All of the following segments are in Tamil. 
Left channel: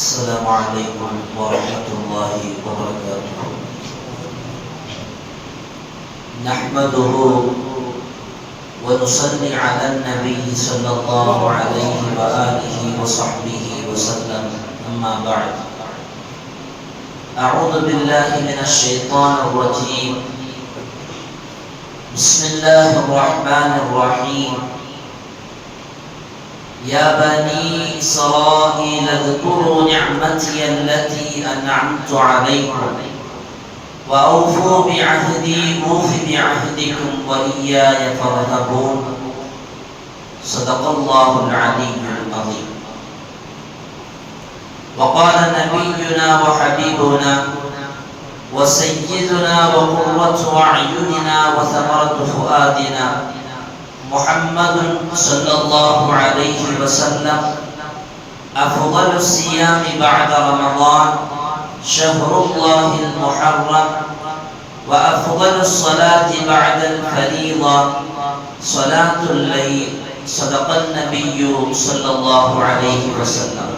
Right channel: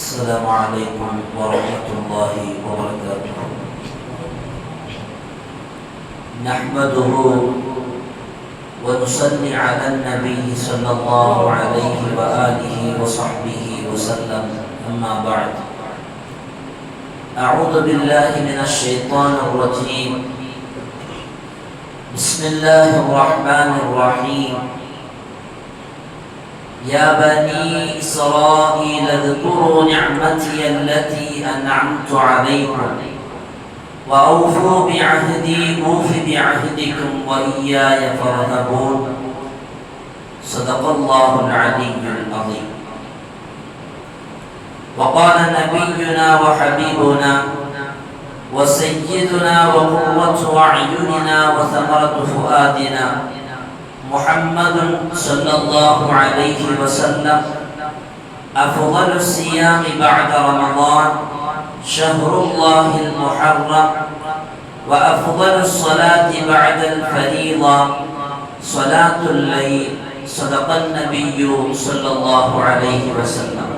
السلام عليكم ورحمة الله وبركاته. نحمده ونصلي على النبي صلى الله عليه وآله وصحبه وسلم. أما بعد، أعوذ بالله من الشيطان الرجيم. بسم الله الرحمن الرحيم. يا بني إسرائيل اذكروا نعمتي التي أنعمت عليكم وأوفوا بعهدي أوف بعهدكم وإياي فارهبون. صدق الله العلي العظيم. وقال نبينا وحبيبنا وسيدنا وقرة أعيننا وثمرة فؤادنا محمد صلى الله عليه وسلم: أفضل الصيام بعد رمضان شهر الله المحرم، وأفضل الصلاة بعد الفريضة صلاة الليل. صدق النبي صلى الله عليه وسلم.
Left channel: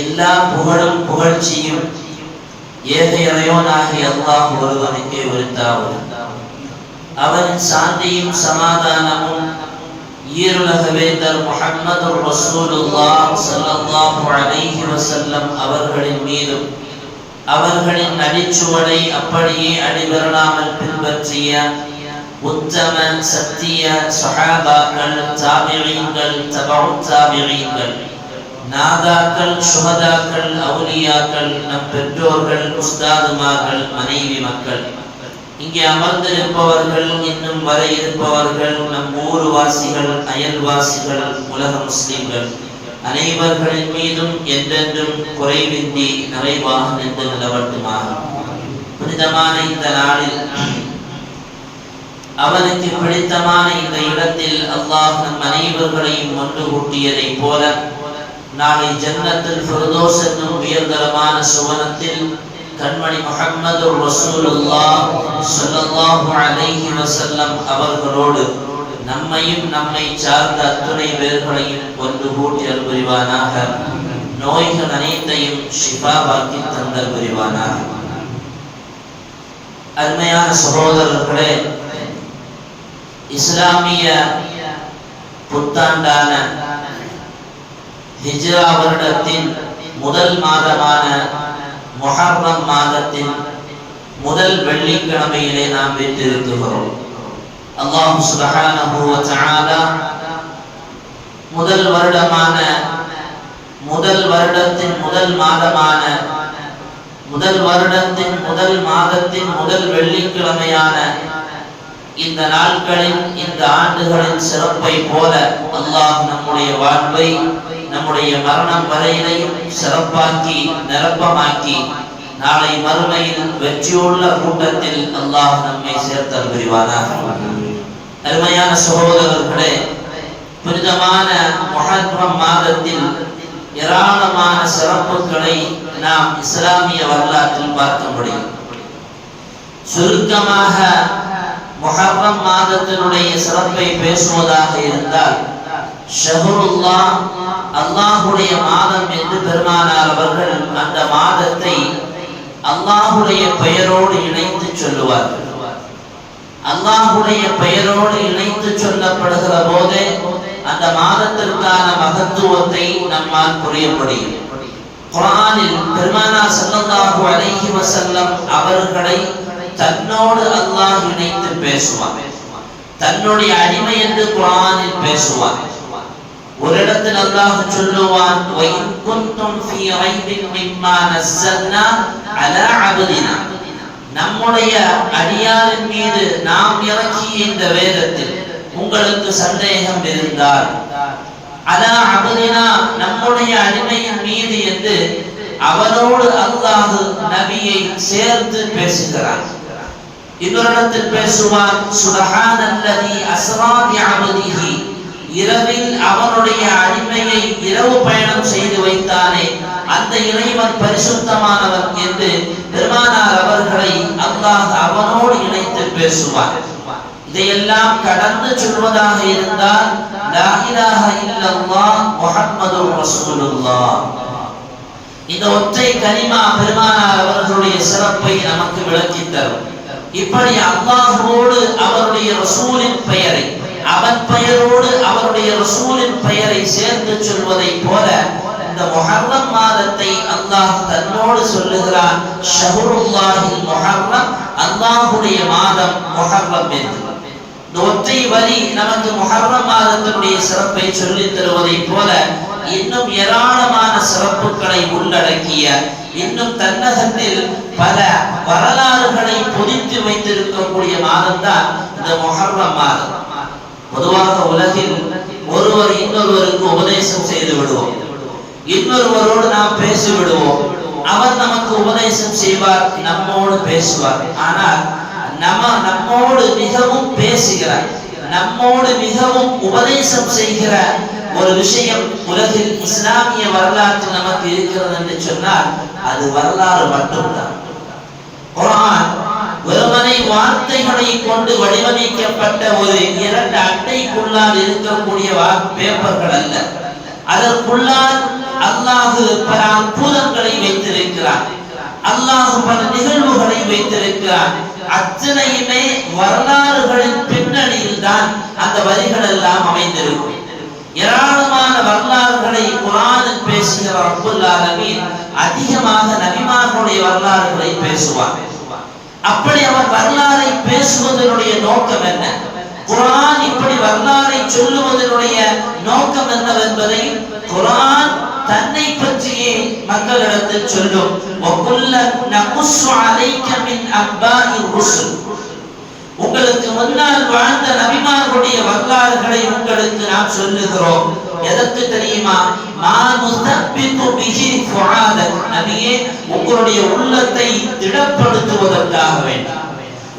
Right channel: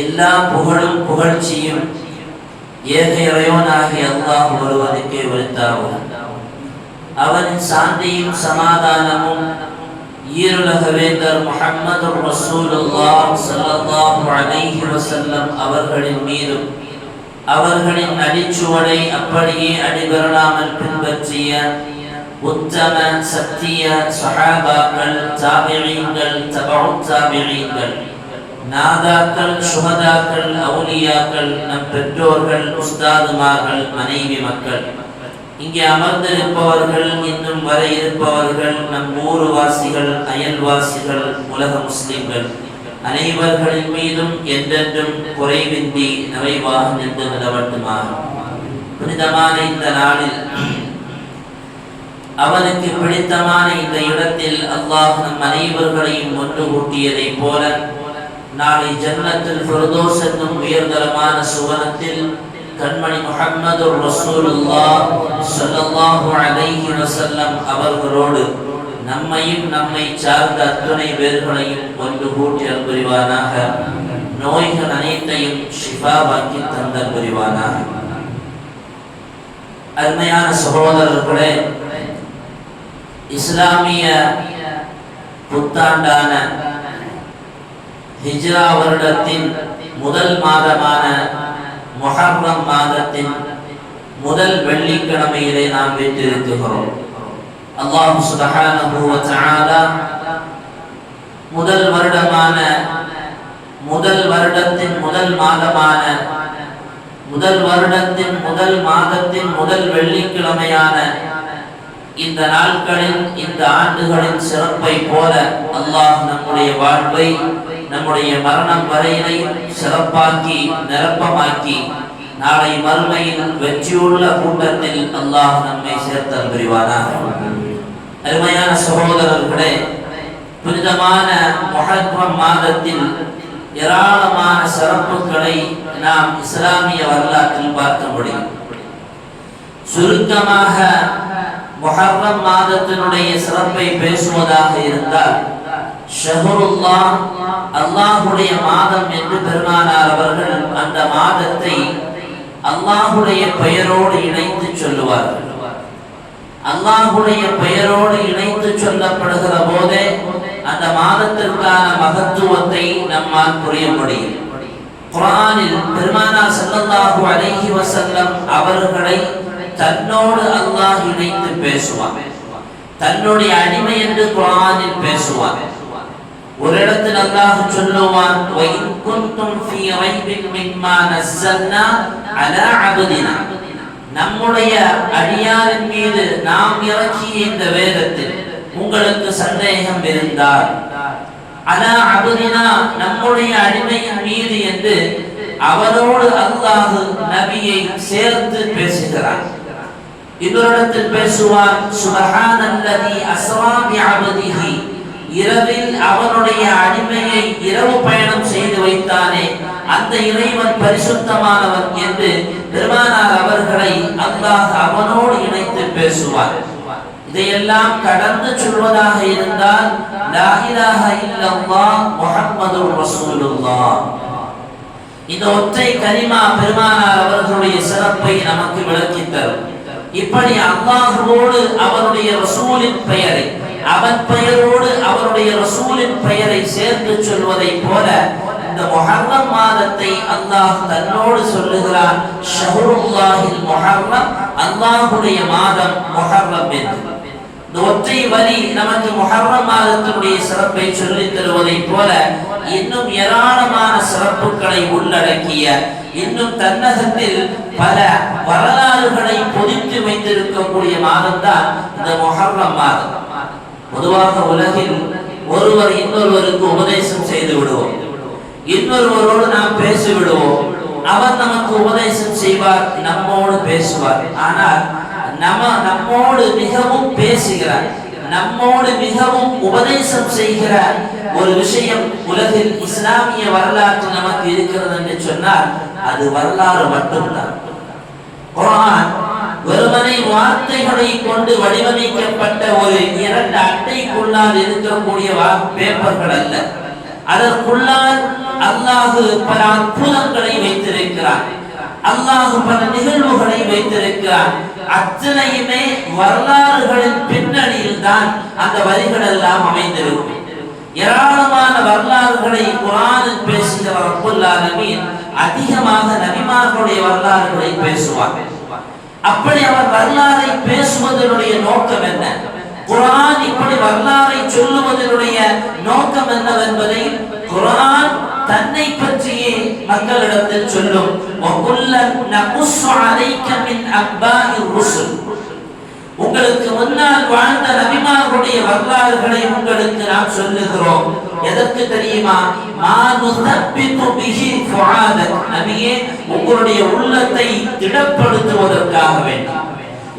எல்லா புகழும் புகழ்ச்சியும் ஏக இறைவனாகிய அல்லாஹ் ஒருவனுக்கே உரித்தாகும். அவனின் சாந்தியும் சமாதானமும் ஈருலக வேந்தர் முஹம்மது ரசூலுல்லாஹ் ஸல்லல்லாஹு அலைஹி வஸல்லம் அவர்களின் மீதும் அவர்களின் அடிச்சுவடை அப்படியே அடிபெறாமல் பின்பற்றிய உத்தம சத்திய சஹாபாக்கள், தாபிஈன்கள், தபஉத் தாபிஈன்கள், நாதாக்கள், சுஹதாக்கள், அவுலியாக்கள், நம் பெற்றோர்கள், உஸ்தாதுமார்கள், மனைவி மக்கள், இங்கே அமர்ந்திருப்பவர்கள், இன்னும் வர இருப்பவர்கள், நம் ஊர்வாசிகள், அயல்வாசிகள், உலக முஸ்லிம்கள் அனைவர்களின் மீதும் என்றென்றும் குறைவின்றி நிறைவாக நின்று நிலவட்டுமாக. புனிதமான இந்த நாளில், அவனுக்கு பிடித்தமான இந்த இடத்தில் அல்லாஹ் நம் அனைவர்களையும் ஒன்று கூட்டியதை போல நாளை ஜன்னத்துல் ஃபிர்தௌஸ் என்னும் உயர்தரமான சுவனத்தில் கண்மணி முஹம்மது ரசூலுல்லாஹ் ஸல்லல்லாஹு அலைஹி வஸல்லம் அவர்களோடு நம்மையும் நம்மை சார்ந்த அத்துணை பேர்களையும் ஒன்று கூட்டி அருள் புரிவானாக. நோய்கள் அனைத்தையும் ஷிஃபாவாக்கி தந்தல் புரிவானாக. அருமையான சகோதரர்களே, இஸ்லாமிய புத்தாண்டான ஹிஜ்ரா வருடத்தின் முதல் மாதமான முஹர்ரம் மாதத்தின் முதல் வெள்ளிக்கிழமையிலே நாம் வீற்றிருக்கிறோம். அல்லாஹ் சுப்ஹானஹு வ தஆலா முதல் வருடத்தின் முதல் மாதமான முதல் வருடத்தின் முதல் மாதத்தின் முதல் வெள்ளிக்கிழமையான இந்த நாட்களின், இந்த ஆண்டுகளின் சிறப்பை போல அல்லாஹ் நம்முடைய வாழ்வை, நம்முடைய மரணம் வரையினை சிறப்பாக்கி நிரப்பமாக்கி நாளை மறுமையில் வெற்றியுள்ள கூட்டத்தில் அல்லாஹ் நம்மை சேர்த்தல் புரிவானாக. அருமையான சகோதரர்களே, புனிதமான முஹர்ரம் மாதத்தில் ஏராளமான சிறப்புகளை நாம் இஸ்லாமிய வரலாற்றில் பார்க்க முடியும். சுருக்கமாக முஹர்ரம் மாதத்தினுடைய சிறப்பை பேசுவதாக இருந்தால், ஷஹ்ருல்லாஹ், அல்லாஹ்வுடைய மாதம் என்று பெருமானார் அவர்கள் அந்த மாதத்தை அல்லாஹ்வுடைய பெயரோடு இணைத்து சொல்லுவார்கள். அல்லாஹ்வுடைய பெயரோடு இணைத்து சொல்லப்படுகிற போதே அந்த மாதத்திற்கான மகத்துவத்தை நம்மால் புரிய முடியும். குர்ஆனில் பெருமானார் ஸல்லல்லாஹு அலைஹி வஸல்லம் அவர்களை தன்னோடு அல்லாஹ் இணைத்து பேசுவான். தன்னுடைய அடிமை என்று குர்ஆனில் பேசுவான். ஒரு இடத்தில் அல்லாஹ் சொல்லுவான்: வஇன் குன்தும் ஃபீ ரைபின் மிம்மா நஸல்னா அலா அப்தினா, நம்முடைய அடியாரின் மீது நாம் இறக்கிய இந்த வேதத்தில் உங்களுக்கு சந்தேகம் இருந்தால், அலா அப்தினா, நம்முடைய அடிமையின் மீது என்று அவனோடு அல்லாஹ் நபியை சேர்த்து பேசுகிறான். இன்னொருடத்தில் பேசுவான்: சுப்ஹானல்லதி அஸ்ரா பிஅப்திஹி, இரவில் அவனுடைய அடிமையை இரவு பயணம் செய்து வைத்தானே, அந்த இறைவன் பரிசுத்தமானவன் என்று பெருமானார் அவர்களை அல்லாஹ் அவனோடு இணைத்து பேசுவார். இதையெல்லாம் கடந்து சொல்வதாக இருந்தால் லா இலாஹ இல்லல்லாஹ் முஹம்மதுர் ரசூலுல்லாஹ் இந்த ஒற்றை கலிமா பெருமானார் அவர்களுடைய சிறப்பை நமக்கு விளக்கித் தரும். இப்படி அல்லாஹ்வோடு அவருடைய ரசூலின் பெயரை, அவன் பெயரோடு அவருடைய ரசூலின் பெயரை சேர்ந்து சொல்வதை போல இந்த முஹர்ரம் மாதத்தை அல்லாஹ் தன்னோடு சொல்லுகிறான், ஷஹ்ருல்லாஹில் முஹர்ரம், அல்லாஹ்வுடைய மாதம் முஹர்ரம் என்று. இந்த ஒற்றை வரி நமக்கு முஹர்ரம் மாதத்தினுடைய சிறப்பை சொல்லித் தருவதை போல இன்னும் ஏராளமான சிறப்புகளை உள்ளடக்கிய, இன்னும் தன்னகத்தில் பல வரலாறுகளை பொதித்து வைத்திருக்கக்கூடிய மாதம் தான் இந்த முஹர்ரம் மாதம். பொதுவாக உலகில் ஒருவர் இன்னொருவருக்கு உபதேசம் செய்து விடுவோம், இன்னொருவரோடு நாம் பேசி விடுவோம், அவர் நமக்கு உபதேசம் செய்வார், நம்மோடு பேசுவார். ஆனால் நம்மோடு மிகவும் பேசுகிறார், நம்மோடு மிகவும் உபதேசம் செய்கிற ஒரு விஷயம் உலகில் இஸ்லாமிய வரலாற்றில் நமக்கு இருக்கிறது என்று சொன்னால் அது வரலாறு மட்டும்தான். குர்ஆன் வெறுமனை வார்த்தைகளை கொண்டு வடிவமைக்கப்பட்ட ஒரு 2 அட்டைக்குள்ளால் இருக்கக்கூடிய பேப்பர்கள் அல்ல. அதற்குள்ளால் அல்லாஹ் பல அற்புதங்களை வைத்திருக்கிறான், அல்லாஹ் பல நிகழ்வுகளை வைத்திருக்கிறான். அத்தனையுமே வரலாறுகளின் பின்னணியில் தான் அந்த வரிகள் எல்லாம் அமைந்திருக்கும். ஏராளமான வரலாறுகளை குர்ஆனில் பேசுகிற ரப்புல் ஆலமீன் அதிகமாக நபிமார்களுடைய வரலாறுகளை பேசுவார். அப்படி அவர் வரலாறை பேசுவதனுடைய நோக்கம் என்ன, குர்ஆன் இப்படி வரலாறை சொல்லுவதனுடைய நோக்கம் என்னவென்பதை குர்ஆன் தன்னை பற்றியே மக்களிடத்தில் சொல்லும். வகுல்லன் நகுஸ்ஸு அலைக மின் அன்பாஇர் ருசுல், உங்களுக்கு முன்னால் வாழ்ந்த நபிமார்களுடைய வரலாறுகளை உங்களுக்கு நாம் சொல்லுகிறோம். எதற்கு தெரியுமா? மா நுஸப்பிது பிஹி ஃபுஆதக், நபியே உங்களுடைய உள்ளத்தை திடப்படுத்துவதற்காக வேண்டி,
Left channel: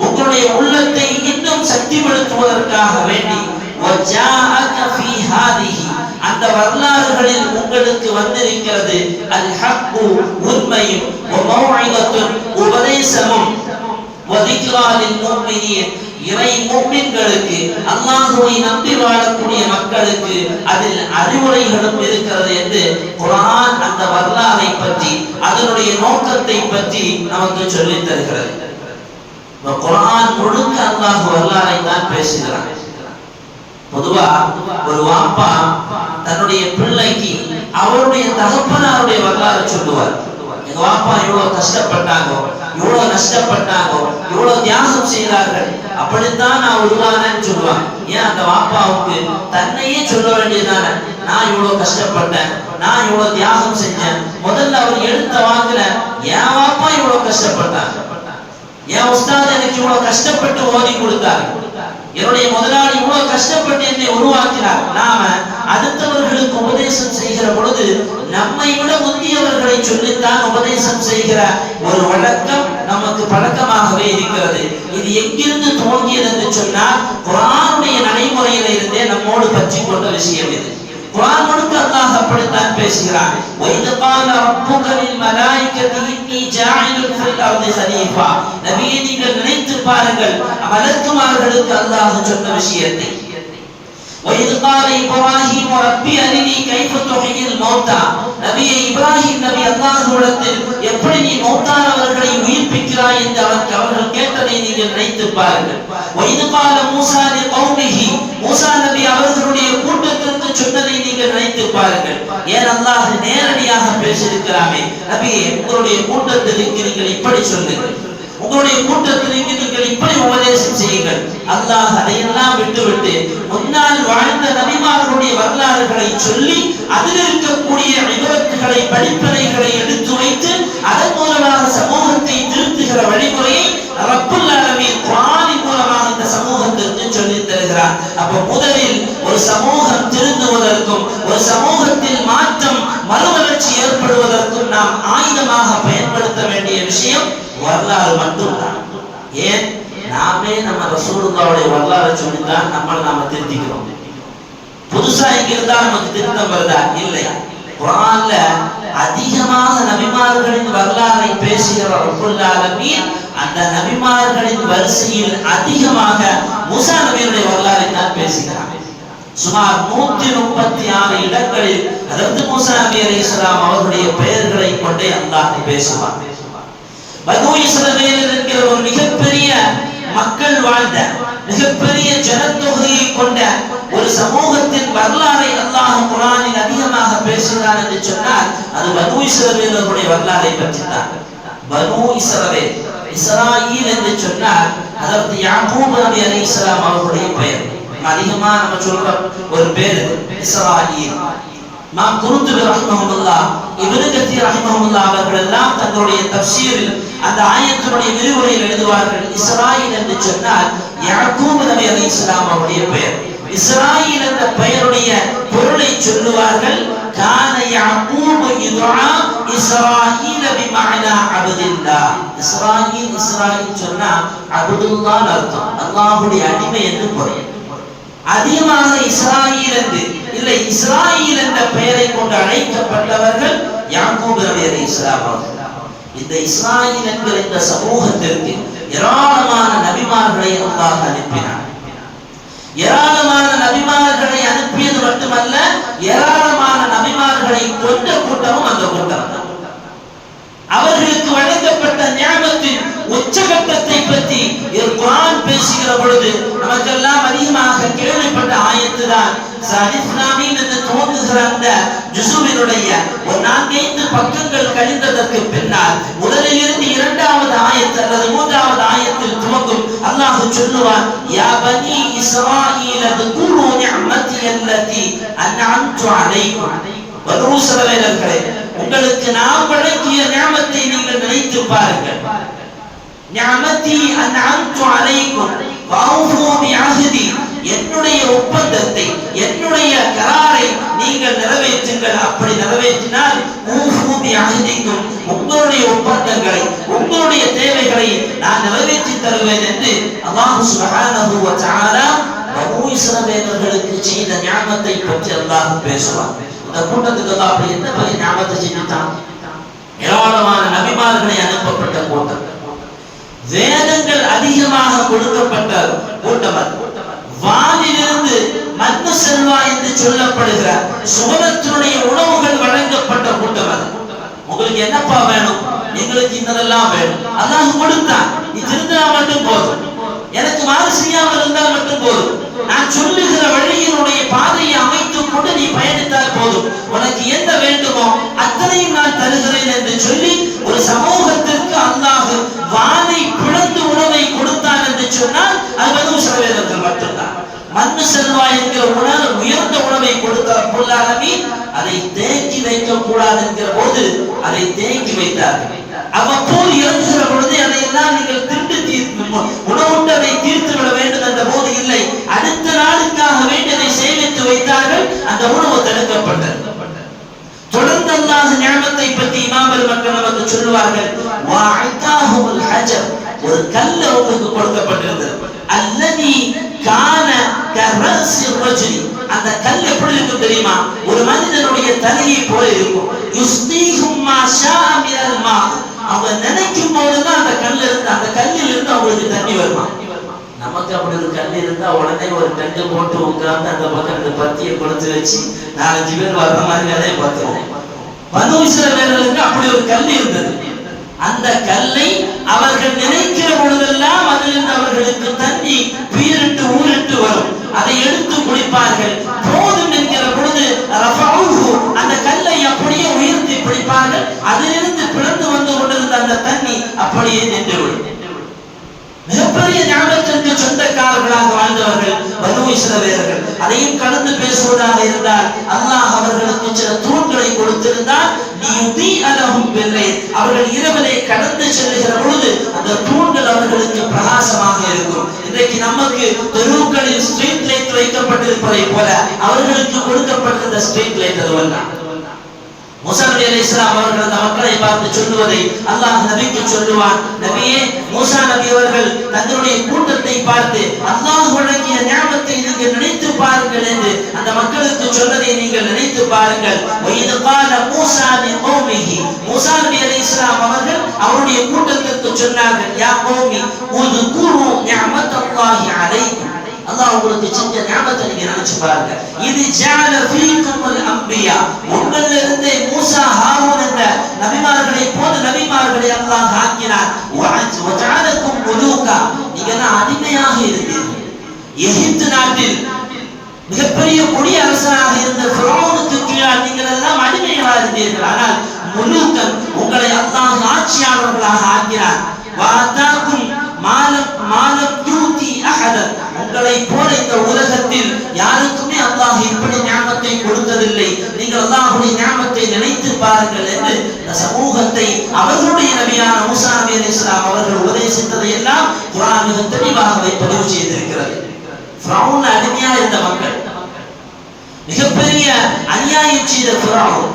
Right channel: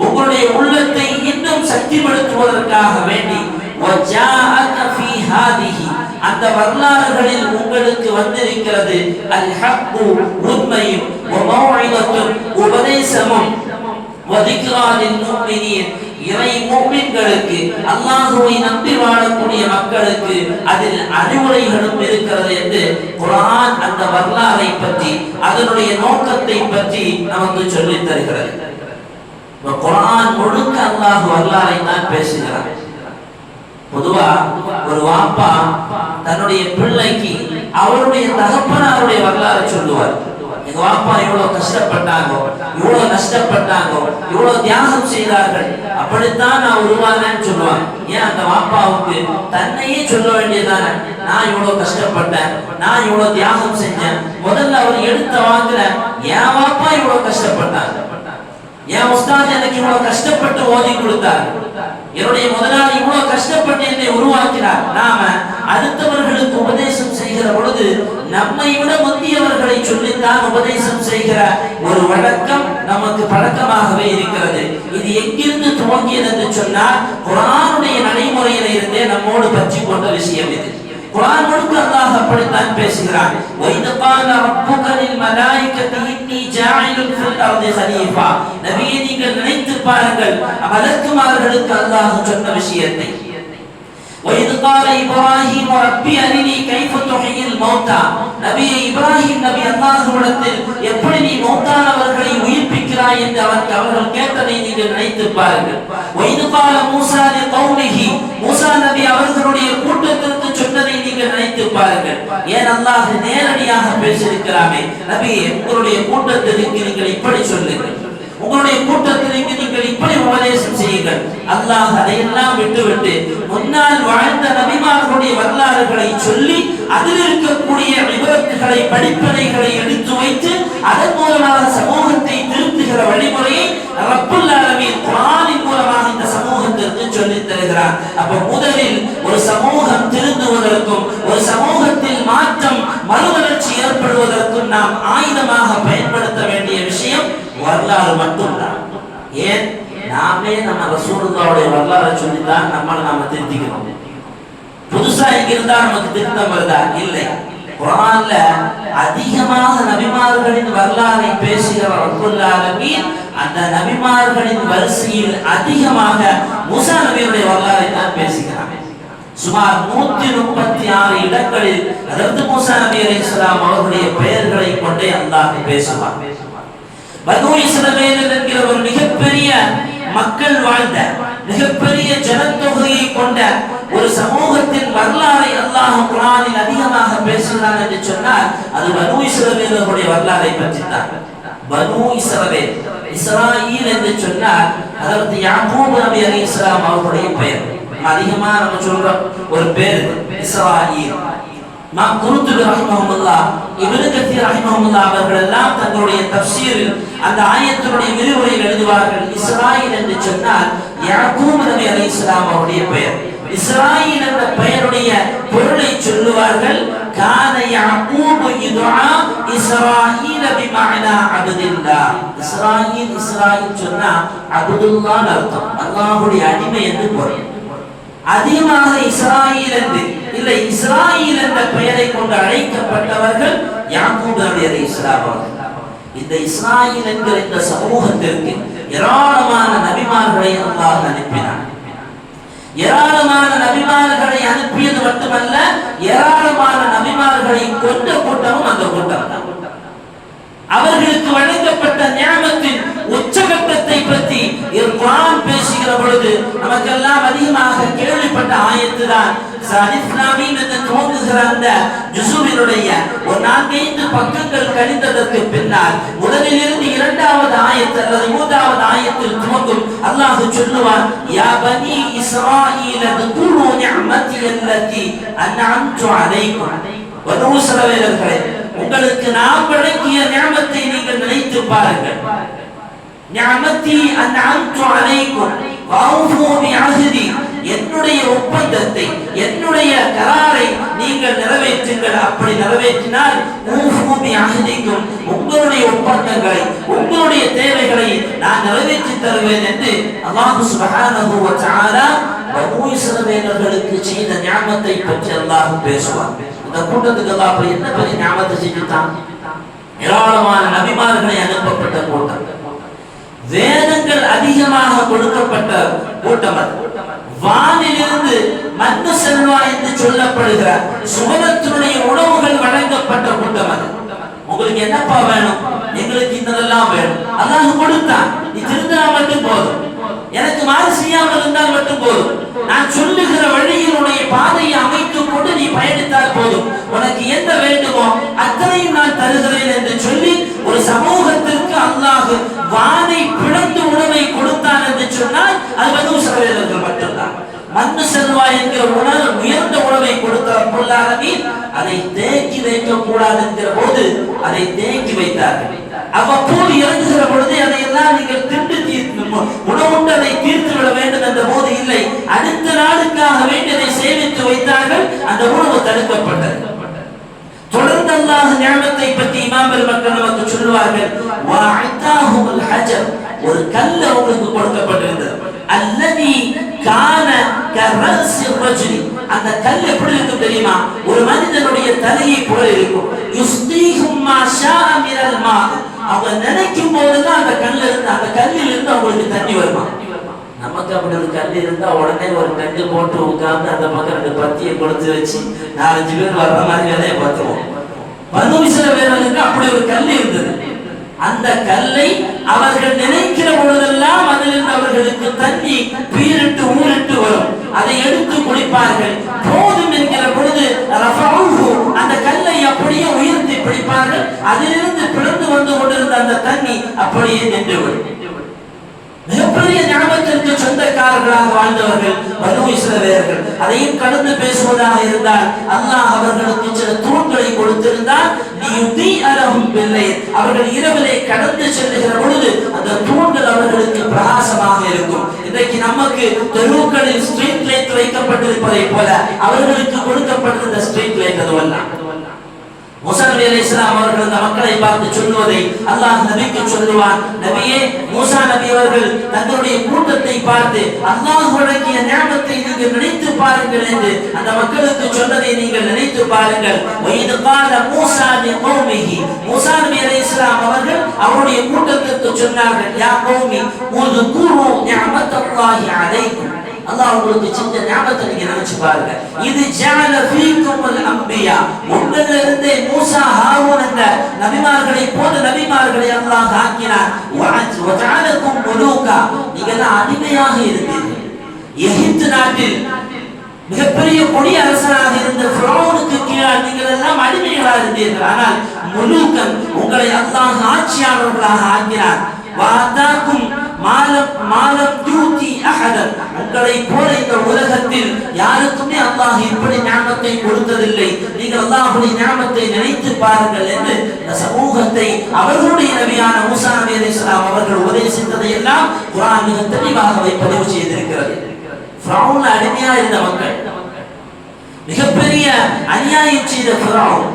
உங்களுடைய உள்ளத்தை இன்னும் சக்திப்படுத்துவதற்காக வேண்டி. வஜாஅக ஃபீ ஹாதிஹி, அந்த வரலாறுகளில் உங்களுக்கு வந்திருக்கிறது அல் ஹக்கு, உண்மையும், வ மௌஇதத்துன், உபதேசமும், வ திக்ரா லில் முஃமினீன், இறை முஃமின்களுக்கு, அல்லாஹ்வை நம்பி வாழக்கூடிய மக்களுக்கு அதில் அறிவுரைகளும் இருக்கிறது என்று குர்ஆன் அந்த வரலாறை பற்றி, அதனுடைய நோக்கத்தை பற்றி நமக்கு சொல்லித் தருகிறது. குர்ஆன் முழுக்க அல்லாஹ் வரலாறை தான் பேசுகிறார். பொதுவா ஒரு வாப்பா தன்னுடைய பிள்ளைக்கு அவருடைய தகப்பனாருடைய வரலாறு சொல்லுவார். எங்க வாப்பா இவ்வளவு கஷ்டப்பட்டாங்க, இவ்வளவு நஷ்டப்பட்டாங்க, இவ்வளவு தியாகம் செய்தார்கள், அப்படித்தான் நான் உருவானேன்னு சொல்லுவாங்க. ஏன் அந்த வாப்பாவுக்கு தன்னையே சொல்ல வேண்டியதானே, நான் இவ்வளவு கஷ்டப்பட்டேன், நான் இவ்வளவு தியாகம் செஞ்சேன். முதல்ல அவர் எடுத்த வாக்குல என் வாப்பா இவ்வளவு கஷ்டப்பட்டாங்க, என் உஸ்தாத் எனக்கு இவ்வளவு கஷ்டப்பட்டு ஓதி கொடுத்தார், என்னுடைய முதலாளி இவ்வளவு கஷ்டப்பட்டு என்னை உருவாக்கினார். நாம அடுத்தவர்களுக்கு உபதேசம் செய்கிற பொழுது நம்மை விட முந்தியவர்களை சொல்லித்தான் உபதேசம் செய்கிற ஒரு வழக்கம் நமக்கு பழக்கமாகவே இருக்கிறது. இது எங்கிருந்து துவங்கியது என்று சொன்னால் குர்ஆனுடைய நடைமுறையில இருந்தே நம்மோடு பற்றி கொண்ட விஷயம் இது. குர்ஆன் முழுக்க அல்லாஹ் அப்படித்தான் பேசுகிறான். வைத கால ரப்புக லில் மலாயிகதி இன்னி ஜாயிலுன் ஃபில் அர்தி கலீஃபா, நபியே நீங்கள் நினைத்து பாருங்கள் மலக்குமார்களுக்கு அல்லாஹ் சொன்ன விஷயத்தை. வைத கால இப்ராஹீம் ரப்பி அரினி கைஃப துஹ்யில் மௌதா, நபியே இப்ராஹிம் நபி அல்லாஹ்விடத்தில் எப்படி நீ மௌத்தானவர்களை உயிர்ப்பிக்கிறாய் என்று அவர்கள் கேட்டதை நீங்கள் நினைத்து பாருங்கள். வைத கால மூஸா லி கௌமிஹி, மூஸா நபி அவர்களுடைய கூட்டத்திற்கு சொன்னதை நீங்கள் நினைத்து பாருங்கள். ஏன் அல்லாஹ் நேரடியாக பேசியிருக்கிறாமே, நபியே உங்களுடைய கூட்டத்திற்கு நீங்கள் இப்படி சொல்லுங்கள், உங்களுடைய கூட்டத்திற்கு நீங்கள் இப்படி உபதேசம் செய்யுங்கள். அல்லாஹ் அதையெல்லாம் விட்டுவிட்டு முன்னால் வாழ்ந்த நபிமார்களுடைய வரலாறுகளை சொல்லி அதில் இருக்கக்கூடிய விபரத்துகளை, படிப்பினைகளை எடுத்து வைத்து அதன் மூலமாக சமூகத்தை திருத்துகிற வழிமுறையை ரப்புல் ஆலமீன் குர்ஆனின் மூலமாக இந்த சமூகத்திற்கு சொல்லித் தருகிறார். அப்ப முதலில் ஒரு சமூகம் திருந்துவதற்கும் ஒரு சமூகத்தில் மாற்றம் மறுமலர்ச்சி ஏற்படுவதற்கும் நாம் ஆயுதமாக பயன்படுத்த வேண்டிய விஷயம் வரலாறு மட்டும்தான். ஏன் நாமே நம்ம ரசூலுல்லாஹ்வுடைய வரலாறை சொல்லித்தான் நம்மளை நாம திருத்திக்கிறோம். புதுசா எங்கிருந்தா நமக்கு திருத்தம் வருதா? இல்லை. குர்ஆன்ல அதிகமாக நபிமார்களின் வரலாறை பேசுகிற ரப்புல் ஆலமீன் அந்த நபிமார்களின் வரிசையில் அதிகமாக மூஸா நபியுடைய வரலாறை தான் பேசுகிறார். சுமார் 136 இடங்களில் ஹஜ்ரத் மூஸா நபி அலைஹிஸ்ஸலாம் அவர்களுடைய பெயர்களை கொண்டே அல்லாஹ் பேசுவார். பனூ இஸ்ரவேல் என்கிற ஒரு மிகப்பெரிய மக்கள் வாழ்ந்த மிகப்பெரிய ஜனத்தொகையை கொண்ட ஒரு சமூகத்தின் வரலாறை அல்லாஹ் குர்ஆனில் அதிகமாக பேசுகிறான் என்று சொன்னால் அது பனூ இஸ்ரவேலுடைய வரலாறை பற்றி தான். பனூ இஸ்ரவேல், இஸ்ராயீல் என்று சொன்னால் ஹஜ்ரத் யாக்கூப் நபி அலைஹிஸ்ஸலாம் அவர்களுடைய பெயர். அதிகமா நம்ம சொல்ற ஒரு பேர் இஸ்ராயீல். இமாம் குர்துபி ரஹ்மஹுல்லாஹ், இப்னு கத்தீர் ரஹ்மஹுல்லாஹ் அவர்கள் எல்லாம் தங்களுடைய தஃப்சீரில் அந்த ஆயத்தினுடைய விரிவுரையில் எழுதுவார்கள், இஸ்ராயீல் என்று சொன்னால் யாக்கூப் நபி அலைஹிஸ்ஸலாம் அவருடைய பெயர். இஸ்ராயீல் என்ற பெயருடைய பொருளை சொல்லுவார்கள், கான யாக்கூப் யுதுஆ இஸ்ராயீல பிமஅனா அப்துல்லாஹ். இஸ்ராயீல், இஸ்ராயீல் சொன்னா அப்துல்லாஹ் அர்த்தம், அல்லாஹ்வுடைய அடிமை என்று பொருள். அதிகமாக இஸ்ராயீல் என்று இல்லை, இஸ்ராயீல் என்ற பெயரை கொண்டு அழைக்கப்பட்டவர்கள் யாக்கூப் நபி அலைஹிஸ்ஸலாம் அவர்கள். இந்த இஸ்ராயீல் என்கிற இந்த சமூகத்திற்கு ஏராளமான நபிமார்களை அல்லாஹ் அனுப்பினார். ஏராளமான நபிமார்களை அனுப்பியது மட்டுமல்ல, ஏராளமான நபிமார்களை கொண்ட கூட்டமும் அந்த கூட்டம். அவர்களுக்கு வழங்கப்பட்ட ஞானத்தின் உச்சகட்டத்தை பற்றி குர்ஆன் பேசுகிற பொழுது நமக்கெல்லாம் அதிகமாக கேள்விப்பட்ட ஆயத்து தான் இஸ்லாமீன் என்று துவங்குகிற அந்த ஜுஸுவினுடைய ஒரு 4-5 பக்கங்கள் கழிந்ததற்கு பின்னால் முதலில் இருந்து 2வது ஆயத்து அல்லது 3வது ஆயத்தில் துவங்கும் அல்லாஹ் சொல்லுவான், யா பனி இஸ்ராயீல துகுரு நிஅமதி அல்லதி அன்அம்து அலைக்கும். பனூ இஸ்ரவேலர்களே, உங்களுக்கு நாம் வழங்கிய நிஅமத்தை நீங்கள் நினைத்து பாருங்கள். நிஅமதி அன்அம்து அலைக்கும் வஅஃபு பிஅஹ்தி, என்னுடைய ஒப்பந்தத்தை, என்னுடைய கராரை நீங்கள் நிறைவேற்றுங்கள். அப்படி நிறைவேற்றினால் ஊஃபு பிஅஹ்திக்கும், உங்களுடைய ஒப்பந்தங்களை, உங்களுடைய தேவைகளை நான் நிறைவேற்றி தருவேன் என்று அல்லாஹ் சுப்ஹானஹு வ தஆலா பனூ இஸ்ரவேலர்களுக்கு செய்த நிஅமத்தை பற்றி அல்லாஹ் பேசுவார். இந்த கூட்டத்துக்கு அல்லாஹ் அப்படி என்ன பெரிய நிஅமத்தை செஞ்சிட்டான்? ஏராளமான நபிமார்களை அனுப்பப்பட்ட கூட்டம், வேதங்கள் அதிகமாக கொடுக்கப்பட்ட கூட்டம், வானிலிருந்து மன்னு செல்வா என்று சொல்லப்படுகிற சுவனத்தினுடைய உணவுகள் வழங்கப்பட்ட கூட்டம். அது உங்களுக்கு என்னப்பா வேணும்? எங்களுக்கு இன்னதெல்லாம் வேணும். அல்லாஹ் கொடுத்தான், நீ திருந்தினா மட்டும் போதும், எனக்கு மாறு செய்யாமல் இருந்தால் மட்டும் போதும், நான் சொல்லுகிற வழியினுடைய பாதையை அமைத்துக் கொண்டு நீ பயணித்தால் போதும், உனக்கு என்ன வேண்டுமோ அத்தனையும் நான் தருகிறேன் என்று சொல்லி ஒரு சமூகத்திற்கு அல்லாஹ் வானை பிளந்து உணவை கொடுத்தான் என்று சொன்னால் அது பனூ இஸ்ரவேலர்கள் மட்டும்தான். மன்னு செல்வா என்கிற உணவு, உயர்ந்த உணவை கொடுத்த ரப்புல் ஆலமீன் அதை தேக்கி வைக்க கூடாது என்கிற போது அதை தேக்கி வைத்தார்கள். அவ்வப்போது இறங்குகிற பொழுது அதையெல்லாம் நீங்கள் உணவுண்டு அதை தீர்த்து விட வேண்டும் என்ற போது இல்லை, அடுத்த நாளுக்காக வேண்டியதை சேமித்து வைத்தார்கள். அந்த உணவு தடுக்கப்பட்டது. தொடர்ந்து அல்லாஹ் நிஅமத்தை பற்றி இமாம்கள் மக்கள் நமக்கு சொல்லுவார்கள், வஅதாஹுல் ஹஜர், ஒரு கல் அவங்களுக்கு கொடுக்கப்பட்டிருந்தது. அல்லதி கான கரஸி ரஜுலி, அந்த கல் எப்படி இருக்கும் தெரியுமா? ஒரு மனிதனுடைய தலையை போல இருக்கும். யுஸ்தீஹும் மா ஷாஅ மினல் மா, அவங்க நினைக்கும் போதெல்லாம் அந்த கல்லில் இருந்து அவங்களுக்கு தண்ணி வருமா? நமக்கு அப்படி ஒரு கல் இருந்தா உடனே ஒரு டங்கு போட்டு உட்கார்ந்து அந்த பக்கம் 2 பத்தியை கொடுத்து வச்சு 4-5 பேர் வர்ற மாதிரி வேலையை பார்த்துவோம். பனூ இஸ்ரவேலர்களுக்கு அப்படி ஒரு கல் இருந்தது. அந்த கல்லை அவர்கள் நினைக்கிற பொழுதெல்லாம் அதிலிருந்து அவர்களுக்கு தண்ணி பீரிட்டு ஊரிட்டு வரும். அதை எடுத்து குடிப்பார்கள். போதும் என்கிற பொழுது அந்த கல்லை அப்படியே உயர்த்தி பிடிப்பார்கள். அதிலிருந்து பிளந்து வந்து கொண்டிருந்த அந்த தண்ணி அப்படியே நின்றுவிடும். மிகப்பெரிய ஞானத்திற்கு சொந்தக்காரர்களாக வாழ்ந்தவர்கள் பனூ இஸ்ரவேலர்கள். அதையும் கடந்து பேசுவதாக இருந்தால் அல்லாஹ் அவர்களுக்கு சில தூண்களை கொடுத்திருந்தால் அவர்கள் இரவிலே கடந்து செல்லுகிற பொழுது அந்த தூண்கள் அவர்களுக்கு பிரகாசமாக இருக்கும். இன்றைக்கு நமக்கு தெருவுகளில் ஸ்ட்ரீட் லைட் வைக்கப்பட்டிருப்பதை போல அவர்களுக்கு கொடுக்கப்பட்டிருந்த ஸ்ட்ரீட் லைட் அதுவெல்லாம். மூஸா நபி அலைஹிஸ்ஸலாம் அவர்கள் அந்த மக்களை பார்த்து சொல்லுவதை அல்லாஹ் நபிக்கு சொல்லுவான், நபியே, மூஸா நபி அவர்கள் தங்களுடைய கூட்டத்தை பார்த்து அல்லாஹ் வழங்கிய நியாமத்தை நீங்கள் நினைத்து பாருங்கள் என்று அந்த மக்களுக்கு சொன்னதை நீங்கள் நினைத்து பாருங்கள். وَإِذْ قَالَ مُوسَى لِقَوْمِهِ, மூஸா நபி அலைஹிஸ்ஸலாம் அவர்கள் அவருடைய கூட்டத்திற்கு சொன்னார்கள், யா கௌமி உذ்குரு நிஅமத்தல்லாஹி அலைக்கும், அல்லாஹ் உங்களுக்கு செஞ்ச ஞாபகத்தை நீங்க நினைச்சு பாருங்க. இது ஜஅல ஃபீகுமுல் அன்பியா, உங்களிலிருந்து மூசா ஹாரூன் என்ற நபிமார்களை போல நபிமார்களை அல்லாஹ் ஆக்கினார். வஜஅலகும் முலூகா, நீங்க அடிமையாக இருந்தீர்கள். எகிப்து நாட்டில் மிகப்பெரிய கொடிய அரசனாக இருந்த ஃபிரௌனுக்கு கீழால் நீங்கள் எல்லாம் அடிமைகளாக இருந்தீர்கள். ஆனால் முலூகன், உங்களை அல்லாஹ் ஆட்சியாளர்களாக ஆக்கினார். வாதாக்கும் மாலம் யூதி அஹதன், உங்களை போல இந்த உலகத்தில் யாருக்குமே அல்லாஹ் இப்படி ஞாபகத்தை கொடுத்ததில்லை. நீங்கள் அல்லாஹ்வுடைய ஞாபகத்தை நினைத்து பாருங்கள் என்று இந்த சமூகத்தை அவர்களுடைய நபியான மூசா நபி அலைஹிஸ்ஸலாம் அவர்கள் உபதேசித்ததை எல்லாம் குர்ஆன் மிக தெளிவாக பதிவு செய்திருக்கிறது. ஃபிரௌன் அடிமையா இருந்த மக்கள், மிகப்பெரிய அநியாயம் செய்த ஃபிரௌன்,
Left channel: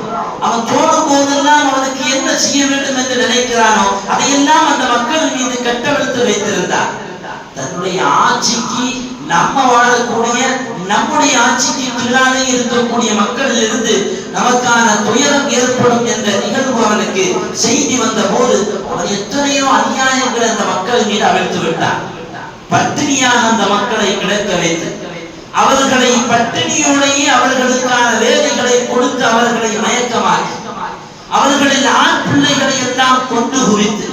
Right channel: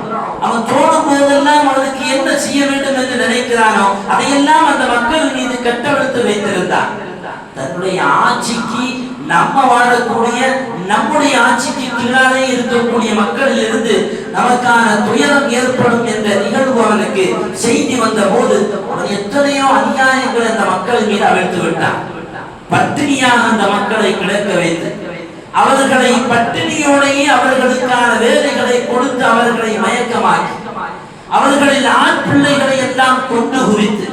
அவன் தோணும் போதெல்லாம் அவனுக்கு என்ன செய்ய வேண்டும் என்று நினைக்கிறானோ அதையெல்லாம் அந்த மக்கள் மீது கட்டவிழ்த்து வைத்திருந்தான். தன்னுடைய ஆட்சிக்கு நம்ம வாழக்கூடிய நம்முடைய ஆட்சிக்கு கீழாலே இருக்கக்கூடிய மக்களில் இருந்து நமக்கான துயரம் ஏற்படும் என்ற நிகழ்வு அவனுக்கு செய்தி வந்த போது அவன் எத்தனையோ அநியாயங்கள் அந்த மக்கள் மீது அவிழ்த்து விட்டான். பட்டினியாக அந்த மக்களை கிடக்க வைத்து அவர்களை பட்டினியோடையே அவர்களுக்கான வேலைகளை கொடுத்து அவர்களை மயக்கமாக்கி அவர்களின் ஆண் பிள்ளைகளை எல்லாம் கொண்டு குவித்து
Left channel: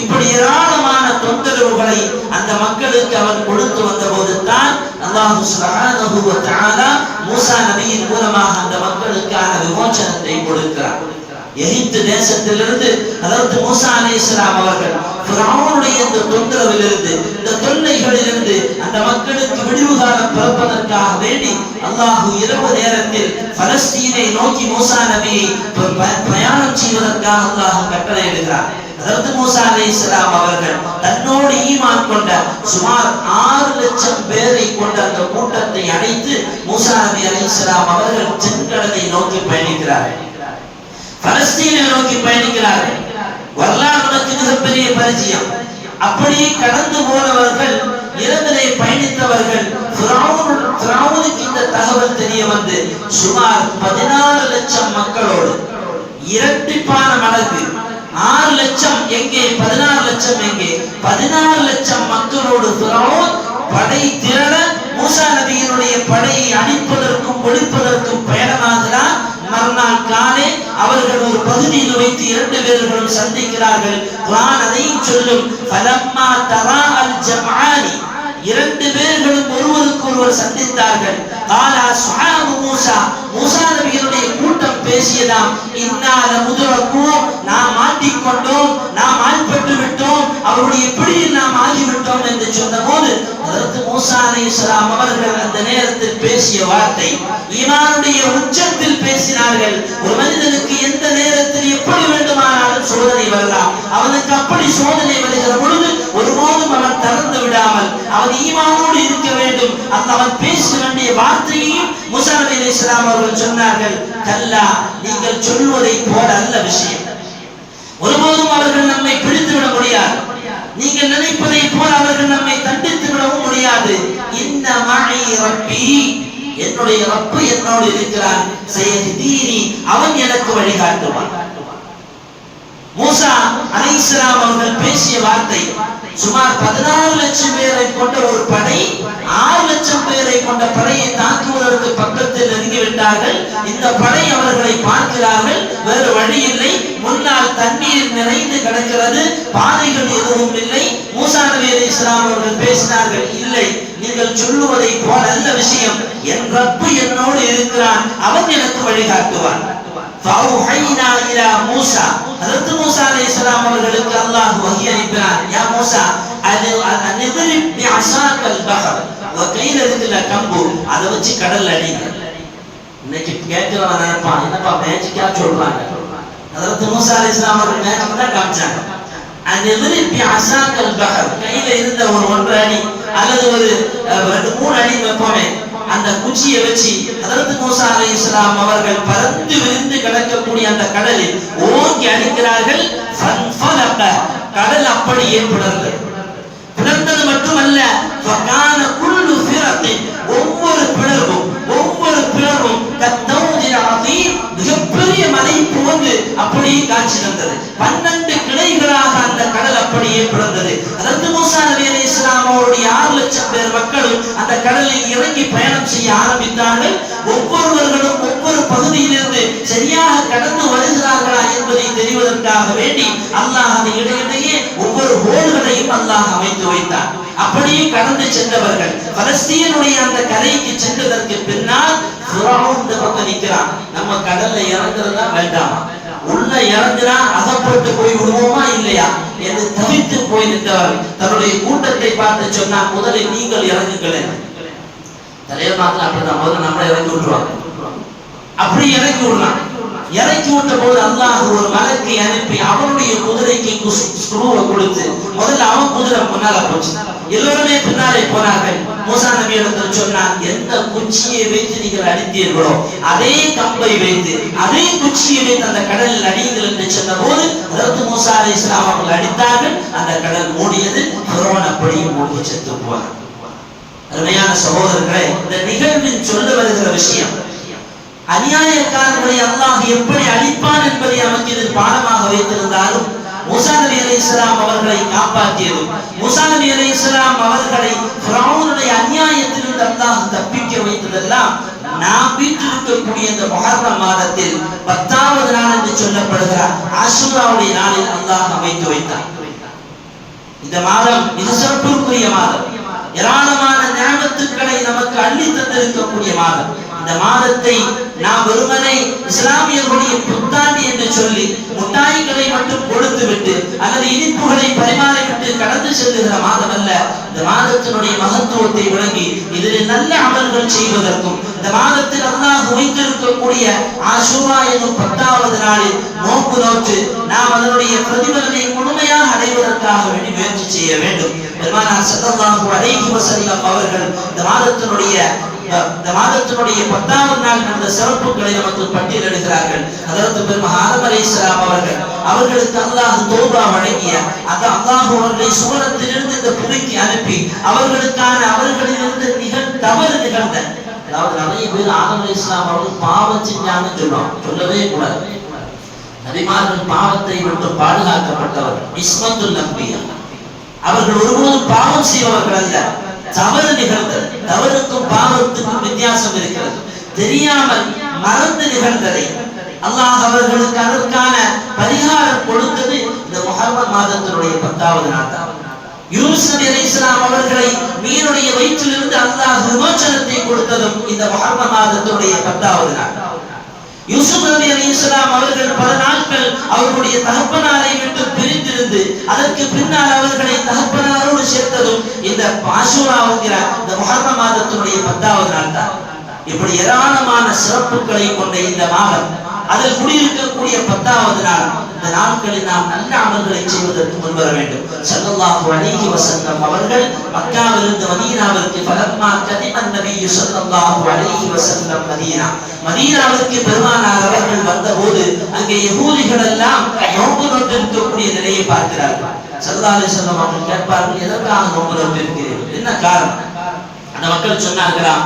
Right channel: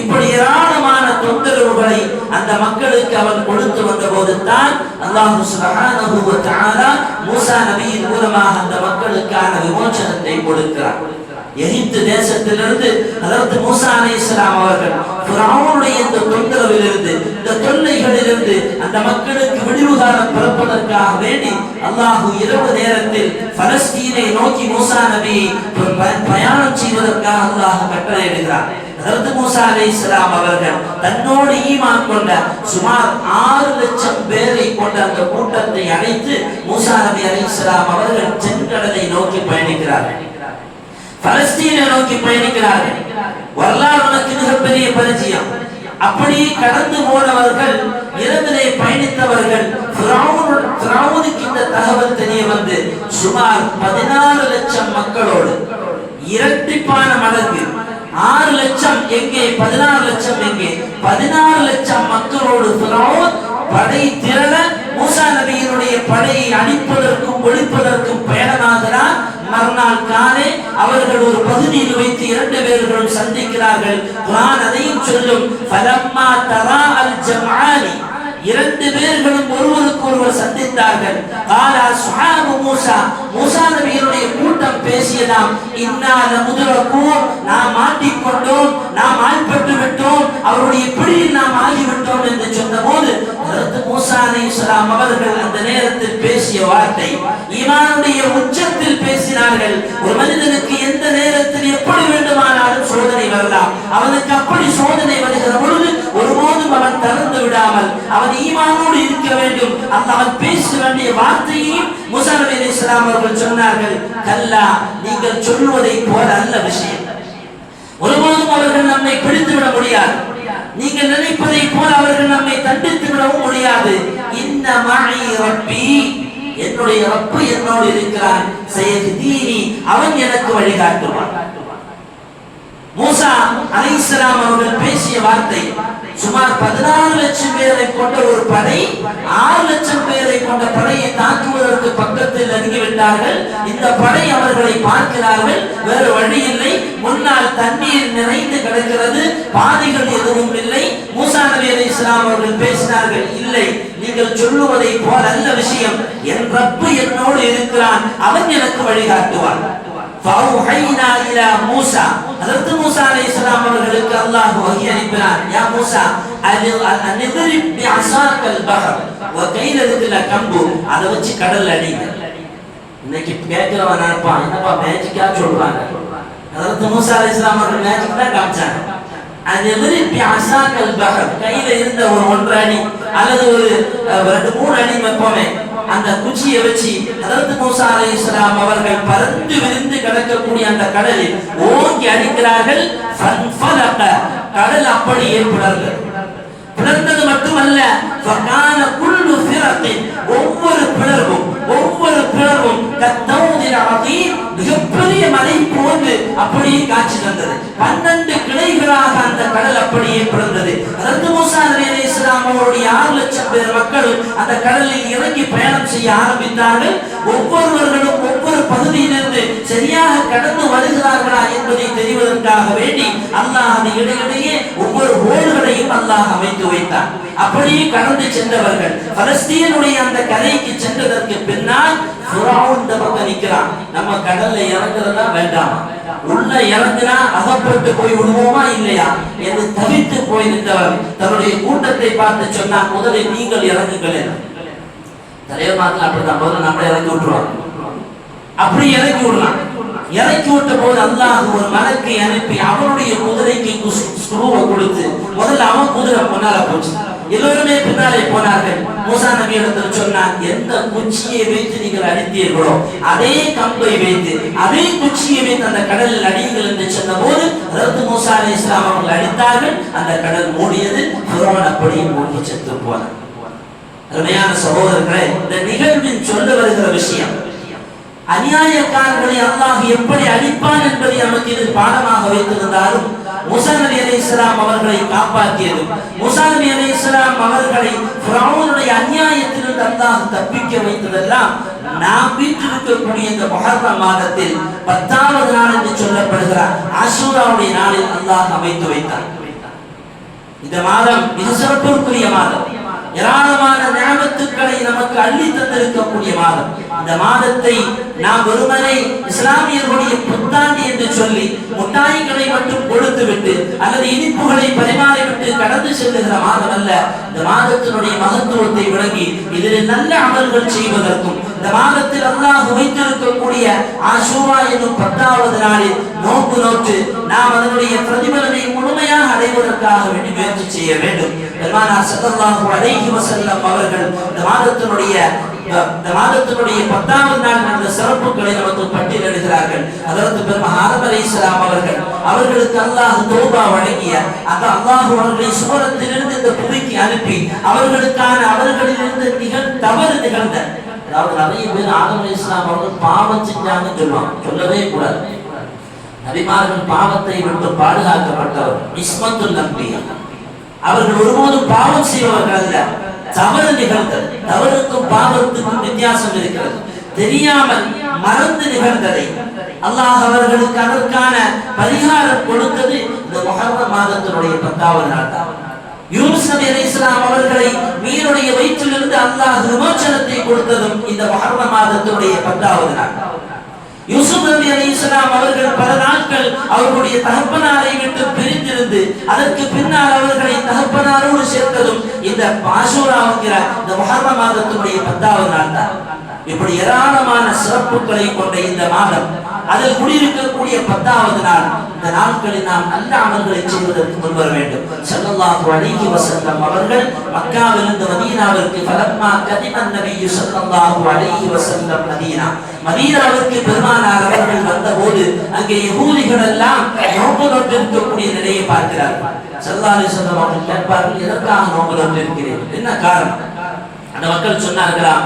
இப்படி ஏராளமான தொந்தரவுகளை அந்த மக்களுக்கு அவன் கொடுத்து வந்த போது தான் அல்லாஹ் சுப்ஹானஹு வ தஆலா மூசா நபியின் மூலமாக அந்த மக்களுக்கான விமோசனத்தை கொடுக்கிறார். எகிப்து தேசத்திலிருந்து அதாவது மூசா அலைஹிஸ்ஸலாம் அவர்கள் ஃபிரௌனுடைய இந்த தொந்தரவிலிருந்து இந்த தொல்லைகளிலிருந்து அந்த மக்களுக்கு விடிவு காலம் பிறப்பதற்காக வேண்டி அல்லாஹ் இரவு நேரத்தில் பலஸ்தீனை நோக்கி மூசா நபியை பிரயாணம் செய்வதற்காக அல்லாஹ் கட்டளையிடுகிறார். அதாவது மூசா அலைஹிஸ்ஸலாம் அவர்கள் தன்னோடு ஈமான் கொண்ட சுமார் 6 லட்சம் பேரை கொண்ட அந்த கூட்டத்தை அழைத்து மூசா நபி அலைஹிஸ்ஸலாம் அவர்கள் செங்கடலை நோக்கி பயணிக்கிறார்கள், பலஸ்தீனை நோக்கி பயணிக்கிறார்கள். வரலாறு உனக்கு மிகப்பெரிய பரிச்சயம். அப்படி கடந்து போனவர்கள், இரவிலே பயணித்தவர்கள், ஃபிரௌனுக்கு இந்த தகவல் தெரிய வந்து சுமார் 14 லட்சம் மக்களோடு இரட்டிப்பான மடங்கு 6 லட்சம் எங்கே 14 லட்சம் எங்கே 16 லட்சம் மக்களோடு ஃபிரௌன் படை திரள மூசா நபியினுடைய படையை அழிப்பதற்கும் ஒழிப்பதற்கும் பயணமாகிறார். மறுநாள் காலை அவர்கள் ஒரு பகுதியில் வைத்து 2 பேர்களும் சந்திக்கிறார்கள். குர்ஆன் அதையும் சொல்லும். ஃபலம்மா தரா அல் ஜம்ஆனி, 2 பேர்களும் ஒருவருக்கு ஒருவர் சந்தித்தார்கள். கால அஸ்ஹாபு மூசா, மூசா நபியினுடைய கூட்டம் பேசியதாம், இன்னா லமுதுரகூன், நாம் மாட்டிக்கொண்டோம், நாம் ஆள்பட்டு விட்டோம், அவருடைய பிடியில் நாம் ஆகிவிட்டோம் என்று சொன்னபோது ஹஜ்ரத் மூசா அலைஹிஸ்ஸலாம் அவர்கள் அந்த நேரத்தில் பேசிய வார்த்தை ஈமானுடைய உச்சத்தில் பேசினார்கள். ஒரு மனிதனுக்கு எந்த நேரத்தில் எப்படி வேண்டுமானாலும் சோதனை வரலாம். அவனுக்கு அப்படி சோதனை வருகிற பொழுது ஒருபோதும் அவன் தளர்ந்து விடாமல் அவன் ஈமானோடு இருக்க வேண்டும். அவன் பேச வேண்டிய வார்த்தையையும் மூசா நபி அலைஹிஸ்ஸலாம் அவர்கள் சொன்னார்கள். கல்லா, நீங்கள் சொல்வதை போல அல்ல விஷயம். ஒருபோதும் அவர்கள் நம்மை பிடித்து விட முடியாது. நீங்கள் நினைப்பதை போல அவர்கள் நம்மை தண்டித்து விடவும் முடியாது. இன்ன மஇ ரப்பி, என்னுடைய ரப்பு என்னோடு இருக்கிறான். சயஹ்தீனி, அவன் எனக்கு வழிகாட்டுவான். மூசா அலைஹிஸ்ஸலாம் அவர்கள் பேசிய வார்த்தை சுமார் 14 லட்சம் பேரை கொண்ட ஒரு படை 6 லட்சம் பேரை கொண்ட படையை தாக்குவதற்கு பக்கத்தில் நெருங்கிவிட்டார்கள். இந்த படை அவர்களை பார்க்கிறார்கள். வேறு வழி இல்லை. முன்னால் தண்ணீர் நிறைந்து கிடக்கிறது, பாதைகள் எதுவும் இல்லை. மூசா நபி அலைஹிஸ்ஸலாம் அவர்கள் பேசினார்கள், இல்லை, நீங்கள் சொல்லுவதை போல அல்ல விஷயம். என் ரப்பு என்னோடு இருக்கிறான், அவன் எனக்கு வழிகாட்டுவான். فأوحينا إلى موسى, حضرت موسى عليه السلام அவர்களுக்கு அல்லாஹ் வஹி அனுப்பினார். யா மூசா அன்இத்ரிப் பிஅஸாக البحر وكيل ذل كمبو, அதை வச்சு கடல்ல அடிங்க. இன்னைக்கு கேட்கிறவன் நினைப்பான், என்னப்பா மேஜிக்கா சொல்றாங்க. ஹضرت மூசா அலைஹிஸ் ஸலாம் அவர்கள் மேஜிக் தான் காமிச்சாங்க. அன்இத்ரிப் பிஅஸாக البحر, கையில இருந்த ஒரு 1 அடி அல்லது ஒரு 2-3 அடி வெப்பமே அந்த குச்சியை வச்சு ஹஜ்ரத் மூசா அலைஹிஸ்ஸலாம் அவர்கள் பறந்து விரிந்து கிடக்கக்கூடிய அந்த கடலில் ஓங்கி அடிக்கிறார்கள். ஃபன்ஃபலக, கடல் அப்படியே பிளந்தது. பிளந்தது மட்டுமல்ல, ஃபகான குல்லு ஃபிரத்தின், ஒவ்வொரு பிளவும் கத்தௌதில் அதீம், மிகப்பெரிய மலை போன்று அப்படியே காட்சி தந்தது. 12 கிளைகளாக அந்த கடல் அப்படியே பிளந்தது. அதற்கு மூசா நபி அலைஹிஸ்ஸலாம் அவருடைய 6 லட்சம் பேர் மக்களும் அந்த கடலில் இறங்கி பயணம் செய்ய ஆரம்பித்தார்கள். ஒவ்வொருவர்களும் ஒவ்வொரு பகுதியிலிருந்து சரியாக கடந்து வருகிறார்களா என்பதை தெரிவதற்காக வேண்டி அல்லாஹ் அந்த இடையிடையே ஒவ்வொரு ஹோல்களையும் அல்லாஹ் அமைத்து வைத்தார். அப்படியே கடந்து சென்றவர்கள் பலஸ்தீனுடைய அந்த கரைக்கு சென்றதற்கு பின்னால் ஃபிரௌன் இந்த பக்கம் நிற்கிறான். நம்ம கடல்ல இறங்குறதா வேண்டாமா, உள்ள இறங்குனா அகப்பட்டு போய் விடுவோமா இல்லையா என்று தவித்து போய் நின்றவர் தன்னுடைய கூட்டத்தை பார்த்து சொன்னார், முதலில் நீங்கள் இறங்குங்கள். தலைவர் அப்படிதான் முதல்ல நம்மளை இறக்கி விட்டுருவாங்க. அப்படி இறக்கி விடலாம். இறக்கி விட்ட போது அல்லாஹ் ஒரு மலக்கை அனுப்பி அவனுடைய குதிரைக்கு ஸ்க்ரூவை கொடுத்து முதல்ல அவன் குதிரை முன்னால போச்சு. எல்லோருமே பின்னாலே போனார்கள். மூசா நபி இடத்தில் சொன்னார், எந்த குச்சியை வைத்து நீங்கள் அடித்தீர்களோ அதே கம்பை வைத்து அதே குச்சியை வைத்து அந்த கடலில் அடியுங்கள் என்று சொன்ன போது அதற்கு மூசா அலைஹிஸ்ஸலாம் அவர்கள் அடித்தார்கள். அந்த கடல் மூடியது. ஃபிரௌன் அப்படியே மூழ்கி செத்து போனார். அருமையான சகோதரர்களே, இந்த நிகழ்வின் சொல்ல வருகிற விஷயம் அநியாயக்காரர்களை அல்லாஹ் எப்படி அழிப்பான் என்பதை நமக்கு இது பாடமாக வைத்திருந்தாலும் மூசா நபி அலைஹிஸ்ஸலாம் அவர்களை காப்பாற்றியது, மூசா நபி அலைஹிஸ்ஸலாம் அவர்களை ஃபிரௌனுடைய அநியாயத்திலிருந்து அல்லாஹ் தப்பிக்க வைத்ததெல்லாம் நாம் வீட்டிருக்கக்கூடிய இந்த முஹர்ரம் மாதத்தில் 10வது நாள் என்று சொல்லப்படுகிற ஆஷூராவுடைய நாளில் அல்லாஹ் அமைத்து வைத்தார். இந்த மாதம் மிக சிறப்புக்குரிய மாதம், ஏராளமான நியமத்துக்களை நமக்கு அள்ளி தந்திருக்கக்கூடிய மாதம். இந்த மாதத்தை நாம் வெறுமனே இஸ்லாமியர்களுடைய புத்தாண்டு என்று சொல்லி முட்டாய்களை மட்டும் கொடுத்து விட்டு அல்லது இனிப்புகளை பரிமாறிவிட்டு கடந்து செல்லுகிற மாதம் அல்ல. இந்த மாதத்தினுடைய மகத்துவத்தை விளங்கி இதில் நல்ல அமல்கள் செய்வதற்கும் இந்த மாதத்தில் அல்லாஹ் வைத்திருக்கக்கூடிய ஆஷூரா என்னும் 10வது நாளில் நோன்பு நோற்று நாம் அதனுடைய பிரதிபலனை முழுமையாக அடைவதற்காக வேண்டி முயற்சி செய்ய வேண்டும். பெருமானார் ஸல்லல்லாஹு அலைஹி வஸல்லம் அவர்கள் இந்த மாதத்தினுடைய 10வது நாள் நடந்த சிறப்புகளை நமக்கு பட்டியலிடுகிறார்கள். ஹஜ்ரத் பெருமானார் ஆதம் அலைஹிஸ்ஸலாம் அவர்களுக்கு அல்லாஹ் தௌபா வழங்கிய அந்த அல்லாஹ் அவர்களை சுவனத்திலிருந்து இந்த புவிக்கு அனுப்பி அவர்களிலிருந்து தவறு நிகழ்ந்த, அதாவது நிறைய பேர் ஆதம் அலைஹிஸ்ஸலாம் அவர்கள் பாவம் செஞ்சாங்கன்னு சொல்லுவாங்க. சொல்லவே கூடாது. நபிமார்கள் பாவத்தை விட்டு பாதுகாக்கப்பட்டவர். இஸ்மத்துல் அன்பியா, அவர்கள் ஒருபோதும் பாவம் செய்பவர்கள் அல்ல. தவறு நிகழ்ந்தது, தவறுக்கும் பாவத்துக்கும் வித்தியாசம் இருக்கிறது. தெரியாமல் மறந்து நிகழ்ந்ததை அல்லாஹ் அவர்களுக்கு அதற்கான பரிகாரம் கொடுத்தது இந்த முஹர்ரம் மாதத்தினுடைய 10வது நாள் தான். யூனுஸ் நபி அலைஹிஸ்ஸலாம் அவர்களை மீனுடைய வயிற்றிலிருந்து அல்லாஹ் விமோசனத்தை கொடுத்ததும் இந்த முஹர்ரம் மாதத்தினுடைய 10வது நாள். யூசுப் நபி அலைஹிஸ்ஸலாம் அவர்கள் பல நாட்கள் அவர்களுடைய தகப்பனாரை விட்டு பிரிந்திருந்து அதற்கு பின்னால் அவர்களை தகப்பனாரோடு சேர்த்ததும் இந்த ஆஷூராவுங்கிற இந்த முஹர்ரம் மாதத்தினுடைய 10வது நாள் தான். இப்படி ஏராளமான சிறப்புகளை கொண்ட இந்த மாதம், அதில் குடியிருக்கக்கூடிய 10வது நாள், இந்த நாட்களில் நாம் நல்ல அமல்களை செய்வதற்கு முன்வர வேண்டும். ஸல்லல்லாஹு அலைஹி வஸல்லம் அவர்கள் மக்காவிலிருந்து மதீனாவிற்கு ஃபலம்மா கதிமன் நபியு ஸல்லல்லாஹு அலைஹி வஸல்லம் மதீனாவிற்கு பெருமானார் அவர்கள் வந்தபோது அங்கே யஹூதிகள் எல்லாம் நோன்பு நோற்றிருக்கக்கூடிய நிலையை பார்க்கிறார்கள். ஸல்லல்லாஹு அலைஹி வஸல்லம் அவர்கள் கேட்பார்கள், எதற்காக நோன்பு நோற்றிருக்கிறீர்கள், என்ன காரணம்? அந்த மக்கள் சொன்னார்களாம்,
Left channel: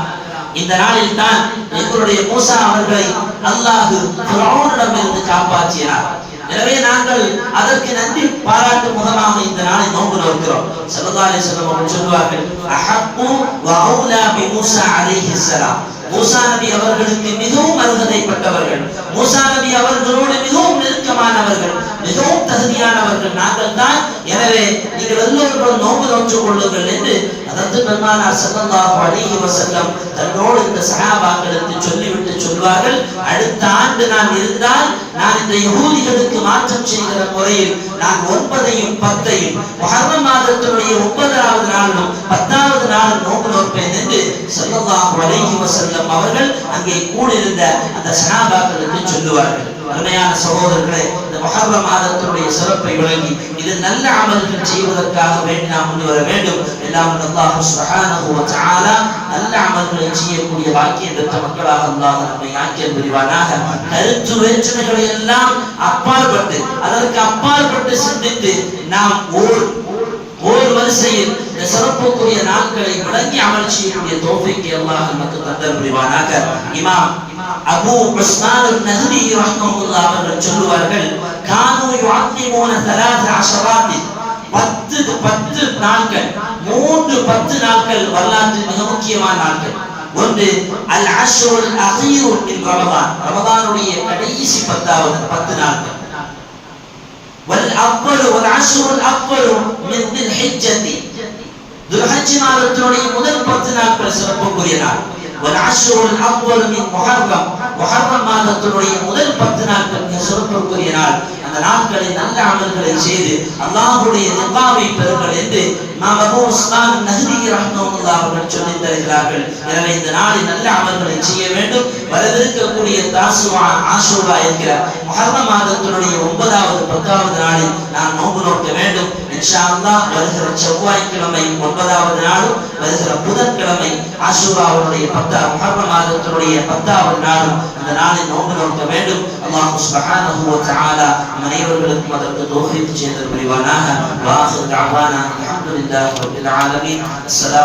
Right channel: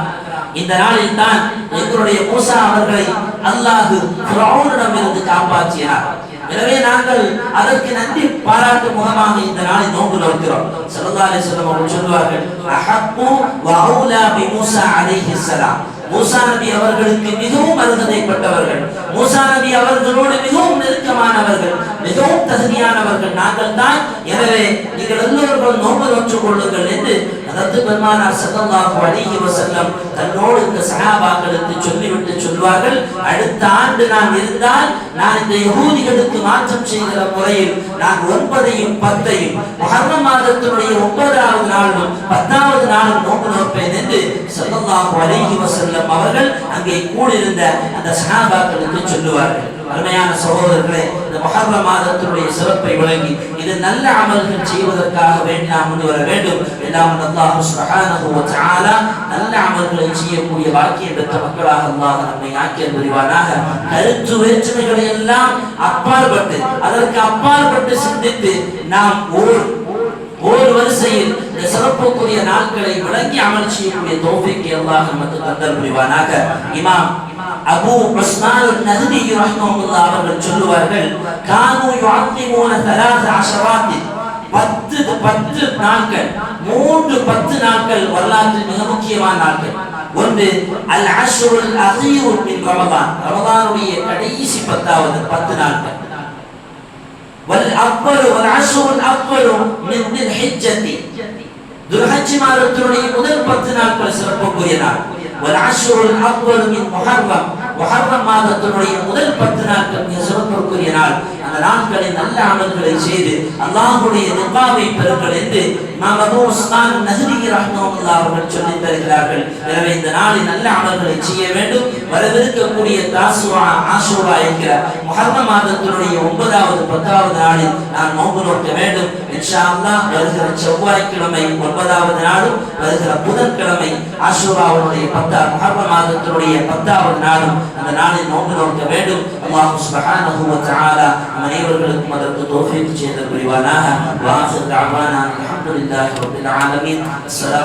இந்த நாளில் தான் எங்களுடைய மூசா அவர்களை அல்லாஹ் ஃபிரௌனிடமிருந்து காப்பாற்றினார். எனவே நாங்கள் அதற்கு நன்றி பாராட்டும் முகமாக இந்த நாளை நோன்பு நோக்கிறோம். ஸல்லல்லாஹு அலைஹி வஸல்லம் அவர்கள் சொல்வார்கள், அஹப்பு வ அவுலா பி மூசா அலைஹிஸ்ஸலாம், மூசா நபி அவர்களுக்கு மிகவும் அருகதைப்பட்டவர்கள், மூசா நபி அவர்களோடு மிகவும் நெருக்கமானவர்கள், மிகவும் தகுதியானவர்கள் நாங்கள் தான். எனவே நீங்கள் எல்லோரும் நோன்பு நோற்றுக் கொள்ளுங்கள் என்று அதற்கு பெருமானார் ஸல்லல்லாஹு அலைஹி வஸல்லம் தன்னோடு இந்த சஹாபாக்களுக்கு சொல்லிவிட்டு சொல்வார்கள், அடுத்த ஆண்டு நான் இருந்தால் நான் இந்த யஹூதிகளுக்கு மாற்றம் செய்கிற முறையில் நான் 9ஐயும் 10ஐயும் முஹர்ரம் மாதத்தினுடைய 9வது நாளும் 10வது நாளும் நோன்பு நோற்பேன் என்று ஸல்லல்லாஹு அலைஹி வஸல்லம் அவர்கள் அங்கே கூடியிருந்த அந்த சஹாபாக்களுக்கு சொல்லுவார்கள். அருமையான சகோதரர்களே, இந்த முஹர்ரம் மாதத்தினுடைய சிறப்பை விளங்கி இது நல்ல அமல்கள் செய்வதற்காக வேண்டி நாம் முன் வர வேண்டும். எல்லாம் அல்லாஹ் சுப்ஹானஹு வ தஆலா நல்ல அமல்களை செய்யக்கூடிய பாக்கியம் பெற்ற மக்களாக அல்லாஹ் நம்மை ஆக்கிய புரிவானாக. கருத்து வேற்றுமைகளை எல்லாம் அப்பாற்பட்டு அதற்கு அப்பாற்பட்டு சிந்தித்து நாம் ஓர் வரிசையில் இந்த சிறப்புக்குரிய நாட்களை விளங்கி அமல் செய்யக்கூடிய தௌஃபீக்கை அல்லாஹ் நமக்கு தந்தல் புரிவானாக. இமாம் அபூ உஸ்மான் அன்-நஹ்தி ரஹ்மத்துல்லாஹி அவர்கள் சொல்லுவார்கள், கானு யுஅத்திமூன 3 அஷராத் 10 நாட்கள், 10 நாட்கள் வரலாற்றில் மிக முக்கியமான நாட்கள். ஒன்று அல் அஷ்ருல் அகீர் மின் ரமதான், ரமதானுடைய கடைசி 10 நாட்கள். வல் அவ்வல் வல் அஷ்ருல் அவ்வல் மின் தில் ஹிஜ்ஜத்தி, துல்ஹஜ் மாதத்தினுடைய முதல் 10 நாட்கள் சிறப்புக்குரிய நாள். வல் அஷ்ருல் அவ்வல் மின் முஹர்ரம், முஹர்ரம் மாதத்தினுடைய முதல் 10 நாட்கள் மிக சிறப்புக்குரிய நாள். அந்த நாட்களில் நல்ல அமல்களை செய்து அல்லாஹ்வுடைய ரிதாவை பெறுங்கள் என்று இமாம் அபூ உஸ்மான் நஹ்ரி ரஹ்மத்துல்லாஹி அவர்கள் சொல்லித் தருகிறார்கள். எனவே இந்த நாளில் நல்ல அமல்களை செய்ய வேண்டும். வரவிருக்கக்கூடிய தாசுஆ, ஆஷூரா என்கிற முஹர்ரம் மாதத்தினுடைய 9வது 10வது நாளில் நாம் நோன்பு நோக்க வேண்டும். இன்ஷா அல்லாஹ் வருகிற செவ்வாய்க்கிழமை 9வது நாளும், வருகிற புதன்கிழமை ஆஷூராவுடைய முஹர்ரம் மாதத்தினுடைய 10வது நாளும் அந்த நாளில் நோன்பு நோக்க வேண்டும். அல்லாஹ் சுப்ஹானஹு வ தஆலா அனைவர்களுக்கும் அதற்கு தௌஃபீக் செய்து புரிவானாக. வாஹிர் தஅவானா அல்ஹம்துலில்லாஹி ரப்பில் ஆலமீன். அஸ்ஸலாமு